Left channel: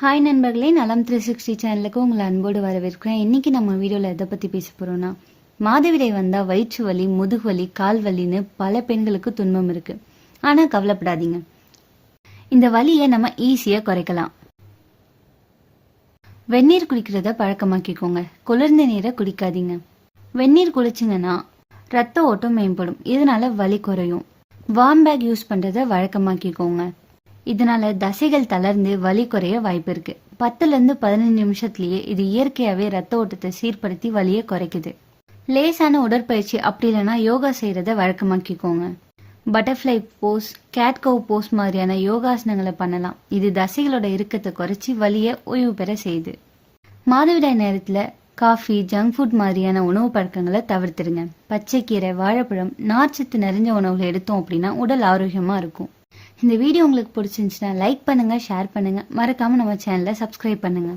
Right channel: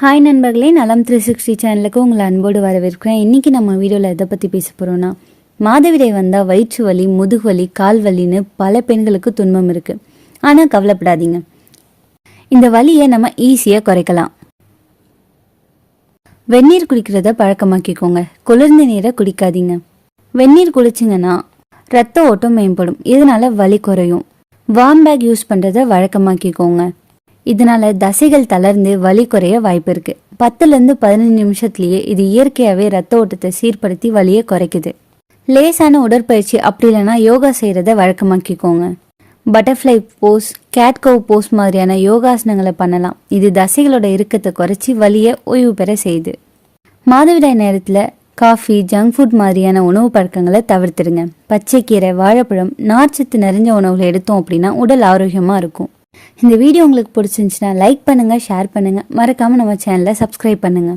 Hi நண்பர்களே, நலம் 360 சேனலுக்கு உங்களை அன்போடு வரவேற்கிறேன். இன்றைக்கி நம்ம வீடியோவில் எதை பற்றி பேச போகிறோன்னா, மாதவிடாய் வந்தால் வயிற்று வலி, முதுகு வலி, கால் வலின்னு பல பெண்களுக்கு துன்பம் இருக்குது. ஆனால் கவலைப்படாதீங்க, இந்த வலியை நம்ம ஈஸியாக குறைக்கலாம். வெந்நீர் குடிக்கிறத பழக்கமாக்கிக்கோங்க. குளிர்ந்த நீரை குடிக்காதீங்க. வெந்நீர் குடிச்சிங்கன்னா ரத்த ஓட்டம் மேம்படும், இதனால வலி குறையும். வார்ம் பேக் யூஸ் பண்ணுறத வழக்கமாக்கிக்கோங்க. இதனால தசைகள் தளர்ந்து வலி குறைய வாய்ப்பு இருக்கு. 10லேருந்து 15 நிமிஷத்துலயே இது இயற்கையாவே ரத்த ஓட்டத்தை சீர்படுத்தி வலியை குறைக்குது. லேசான உடற்பயிற்சி அப்படி இல்லைன்னா யோகா செய்யறத வழக்கமாக்கிக்கோங்க. பட்டர்ஃப்ளை போஸ், கேட் கவ் போஸ் மாதிரியான யோகாசனங்களை பண்ணலாம். இது தசைகளோட இறுக்கத்தை குறைச்சி வலியை ஓய்வு பெற செய்யுது. மாதவிடாய் நேரத்துல காஃபி, ஜங்க் ஃபுட் மாதிரியான உணவு பழக்கங்களை தவிர்த்துடுங்க. பச்சைக்கீரை, வாழைப்பழம், நார்ச்சத்து நிறைஞ்ச உணவுகளை எடுத்தோம் அப்படின்னா உடல் ஆரோக்கியமா இருக்கும். இந்த வீடியோ உங்களுக்கு பிடிச்சிருந்துச்சுன்னா லைக் பண்ணுங்க, ஷேர் பண்ணுங்க, மறக்காம நம்ம சேனலை சப்ஸ்கிரைப் பண்ணுங்க.